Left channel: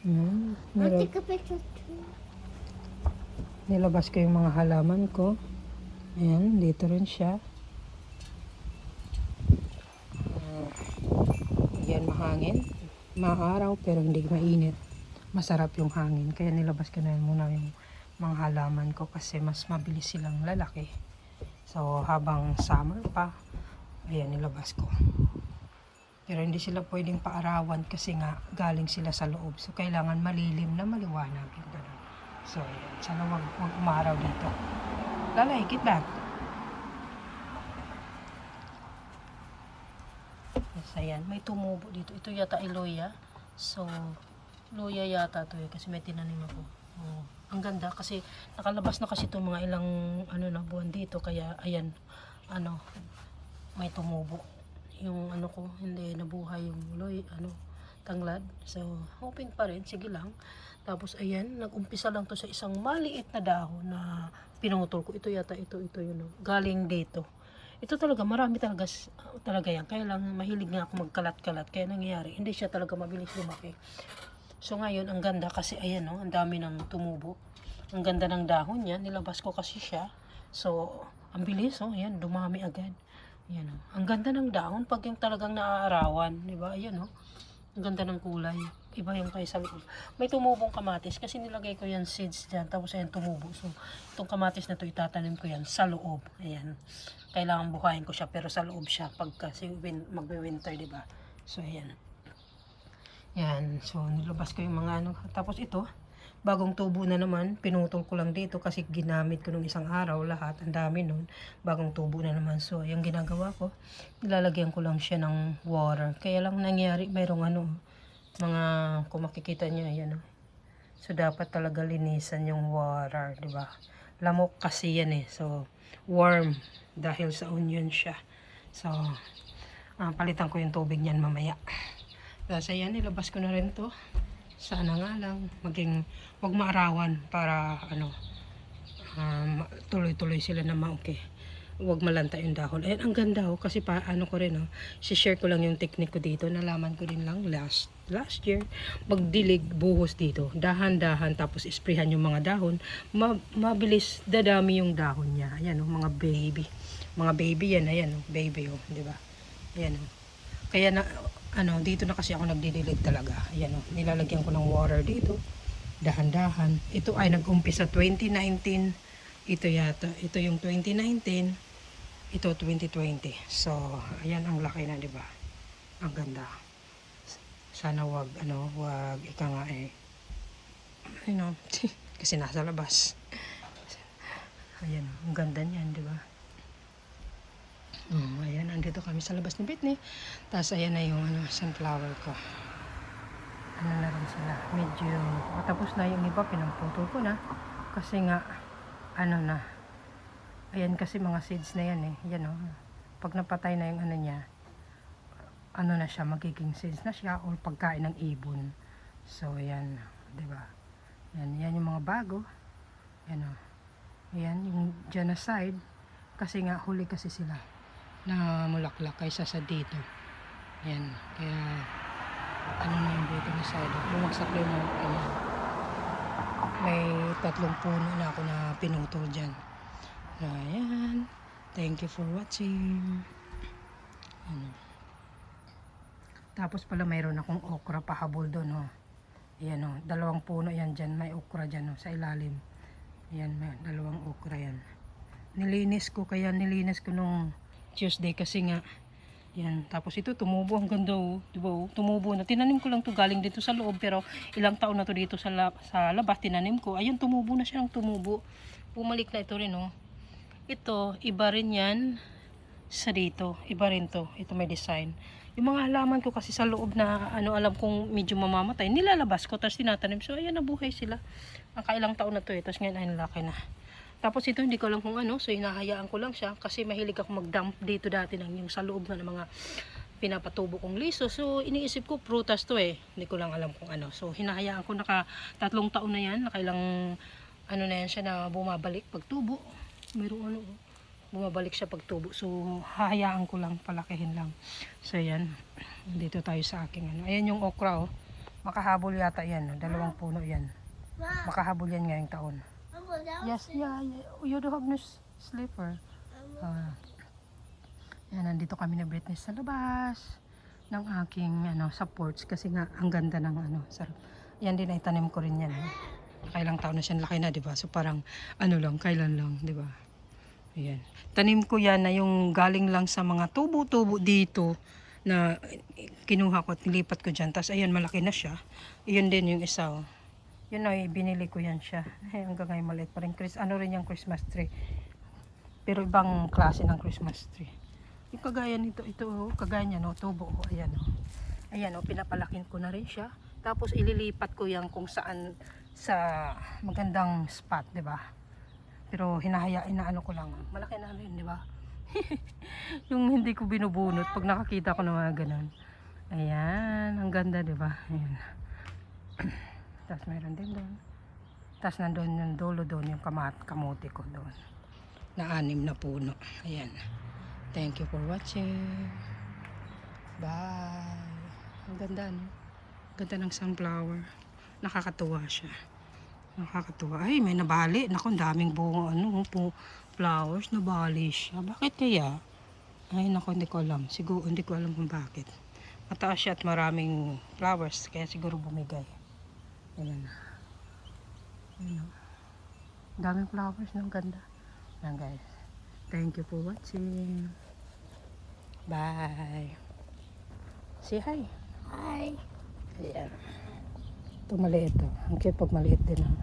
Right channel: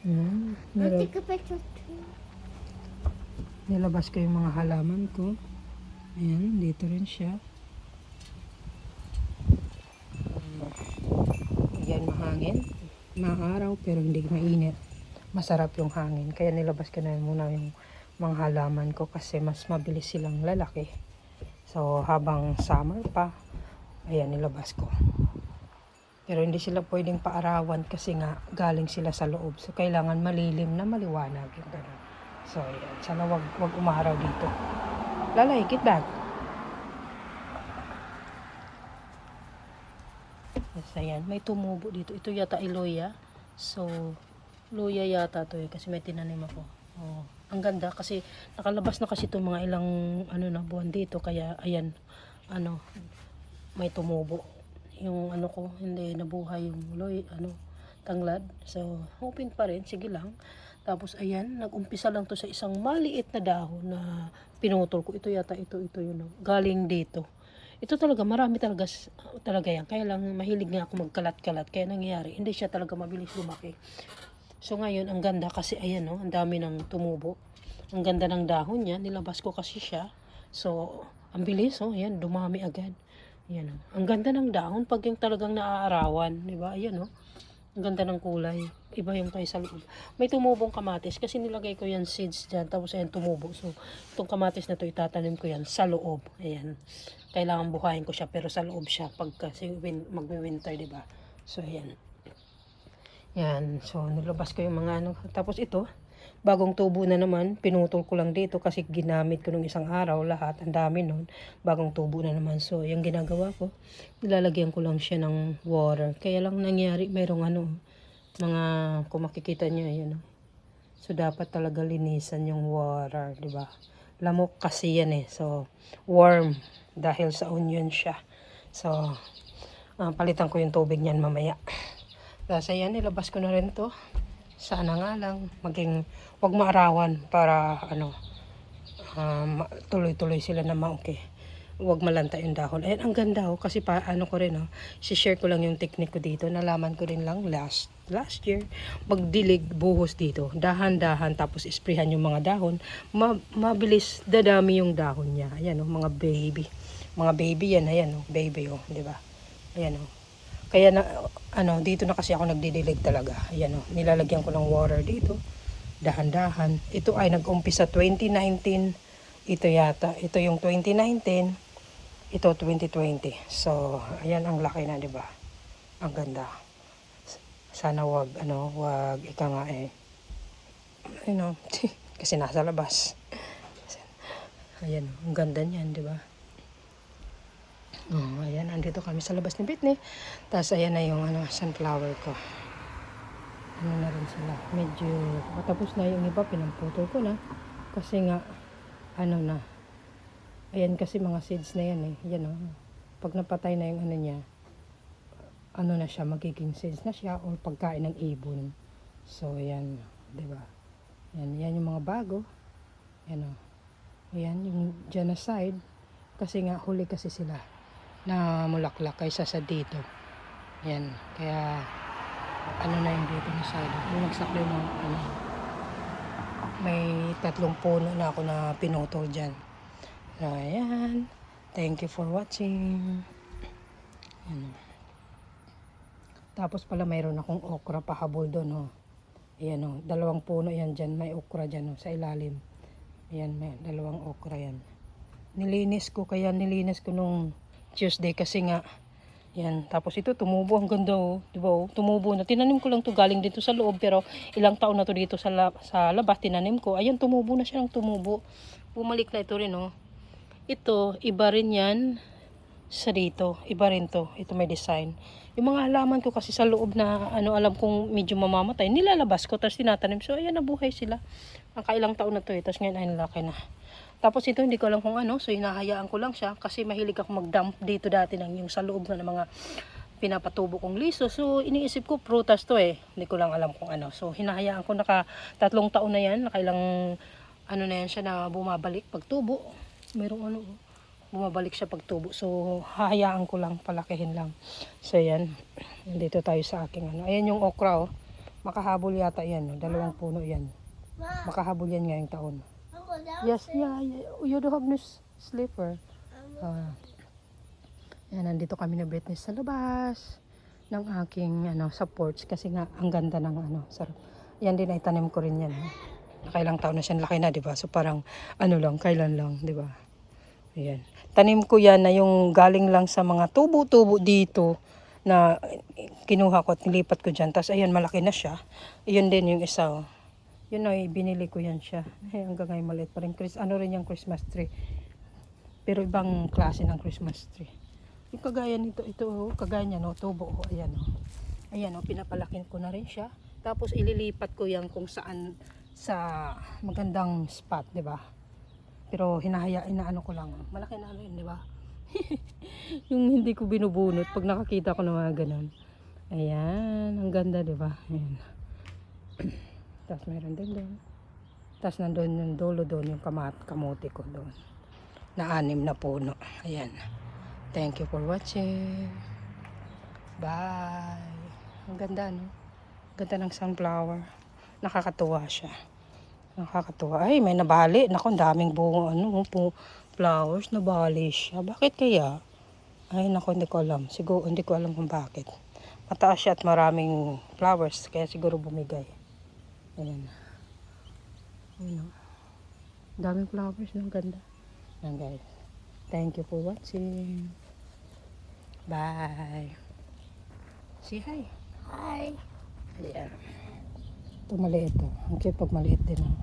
Meron. Nilabas ko yung mga halaman ko. Ayan, dito rin siya. Yan, mahangin. Maaraw pero hindi mainit. Masarap yung hangin. Kaya nilabas ko na muna yung mga halaman ko kasi mas mabilis silang lalaki. So, habang summer pa, ayan, nilabas ko. Pero hindi sila pwedeng paarawan kasi nga galing sila sa loob. So, kailangan malilim na maliwanag. So, sana wag umaraw dito. Lalay, get back. Yes, ayan. May tumubo dito. Ito yata ay loya. So, loya yata to kasi may tinanim ako. Oh, ang ganda kasi nakalabas na kasi itong mga ilang buwan dito. Kaya, ayan, may tumubo. Yung ko, hindi nabuhay yung tanglad. So, open pa rin. Sige lang. Tapos, ayan, nag-umpisa lang to sa isang maliit na dahon na pinutol ko. Ito yata, ito yun. Galing dito. Ito talaga, marami talaga yan. Kaya lang, mahilig nga ako magkalat-kalat. Kaya nangyayari, hindi siya talaga mabilis lumaki. So, ngayon, ang ganda kasi, ayan, ang dami ng tumubo. Ang ganda ng dahon niya. Nilabas ko kasi siya. So, ang bilis, ayan, dumami agad. Ayan, ang ganda ng dahon pag yung talagang naaarawan, di ba? Ayan, ang ganda ng kulay. Iba yung tayo sa loob. May tumubong kamatis kasi nilagay ko yan seeds dyan. Tapos ayan, tumubo. So, itong kamatis na to itatanim ko yan sa loob. Ayan. Kailangan buhayin ko siya pero sa loob siya pag kasi magwe-winter, di ba? So, ayan. Yan. So, nilabas ko yung mga Tapos ito, bagong tubo na naman, pinutol ko lang dito kasi ginamit ko nung isang araw lahat, ang dami nun, bagong tubo na naman. So, yung ginagawa ko, nilalagyan ko lang siya ng water. Kaya lang nangyari, mayroong mga, kung makikita nyo, ayan. So, dapat talaga linisan yung water, di ba? Lamok kasi yan So, warm, dahil sa onion siya. So, palitan ko yung tubig niyan mamaya. Tapos, ayan, nilabas ko na rin to. Sana nga lang wag maarawan para tuloy-tuloy sila na okay. Wag malanta yung dahon. Ayan, ang ganda kasi ko rin share ko lang yung technique ko dito. Nalaman ko din lang last year magdilig buhos dito. Dahan-dahan tapos isprayhan yung mga dahon. Mabilis dadami yung dahon niya. Ayan mga baby. Mga baby yan, ayan baby di ba? Ayan Kaya dito na kasi ako nagdidilig talaga. Ayan nilalagyan ko ng water dito. Dahan-dahan. Ito ay nag-umpisa 2019. Ito yata. Ito yung 2019. Ito 2020. So, ayan ang laki na, 'di ba? Ang ganda. Sana wag ika nga kasi nasa labas. Ayan, ang ganda niyan, 'di ba? Ayan, andito kami sa labas ni Britney. Tapos ayan na yung sunflower ko. Na rin sila. Medyo tapos na yung iba, pinaputol ko na. Kasi nga, na. Ayan kasi mga seeds na yan Yan Pag napatay na yung niya, na siya, magiging seeds na siya o pagkain ng ibon. So, ayan. Diba? Yan yung mga bago. Ayan yung dyan na side. Kasi nga, huli kasi sila na mulaklak kaysa sa dito. Yan. Kaya na yung dito na side. Bumagsak na yung may 3 puno na ako na pinutol dyan. Ayan. Thank you for watching. Tapos pala mayroon akong okra pahabol doon Ayan 2 puno yan dyan. May okra dyan sa ilalim. Ayan, may 2 okra yan. Nilinis ko nung Tuesday kasi nga yan. Tapos ito tumubo, ang ganda diba tumubo na. Tinanim ko lang to galing dito sa loob pero ilang taon na to dito sa labas tinanim ko. Ayan, tumubo na siya ng tumubo. Bumalik na ito rin Ito, iba rin yan sa dito. Iba rin to. Ito may design. Yung mga halaman ko kasi sa loob na alam kong medyo mamamatay, nilalabas ko tapos tinatanim. So ayan, nabuhay sila. Nakailang taon na to tapos ngayon ay nalaki na. Tapos ito hindi ko alam kung so hinahayaan ko lang siya kasi mahilig ako mag-dump dito dati yung sa loob na ng mga pinapatubo kong liso. So iniisip ko prutas to hindi ko lang alam kung So hinahayaan ko 3 taon na yan, nakailang na yan siya na bumabalik pagtubo. Mayroong bumabalik siya pagtubo. So hahayaan ko lang, palakihin lang. So yan, dito tayo sa aking ayan yung okra Makahabol yata yan. Dalawang puno yan. Makahabol yan ngayong taon. Yes, yeah. You do have no slipper. Yan, nandito kami na Britney sa labas ng aking supports kasi nga ang ganda ng yan din ay tanim ko rin yan. Nakailang taon na siya, laki na, 'di ba? So parang lang, kailan lang, 'di ba? Ayan. Tanim ko yan na yung galing lang sa mga tubo-tubo dito na kinuha ko at nilipat ko diyan. Tapos ayun, malaki na siya. Ayun din yung isa. Oh. Yun ay binili ko yan siya. Hanggang ngayon maliit pa rin. Rin yung Christmas tree. Pero ibang klase ng Christmas tree. Yung kagaya nito, kagaya niya, no, tubo, ayan, ayan, pinapalakin ko na rin siya. Tapos ililipat ko yan kung saan sa magandang spot, 'di ba? Pero inaano ko lang, malaki na rin, 'di ba? Yung hindi ko binubunot pag nakakita ko ng mga ganun. Ayan, ang ganda, 'di ba? Ayan. Tapos meron din doon. Tapos nandoon yung dulo doon yung kamote ko doon. Na 6 na puno. Ayan. Thank you for watching. Bye. Ang ganda, no? Ganda ng sunflower. Nakakatuwa siya. Nakakatuwa. Ay, may nabali. Naku, ang daming bunga. Flowers. Nabali siya. Bakit kaya? Ay, naku, hindi ko alam. Siguro, hindi ko alam kung bakit. Mataas siya at maraming flowers. Kaya siguro bumigay. Ayan. Ayan. Daming flowers. Ang ganda. Ayan, guys. Thank you for watching. Bye. Say hi. Hi. Yeah. Ito maliit to. Ang cute pag maliit din.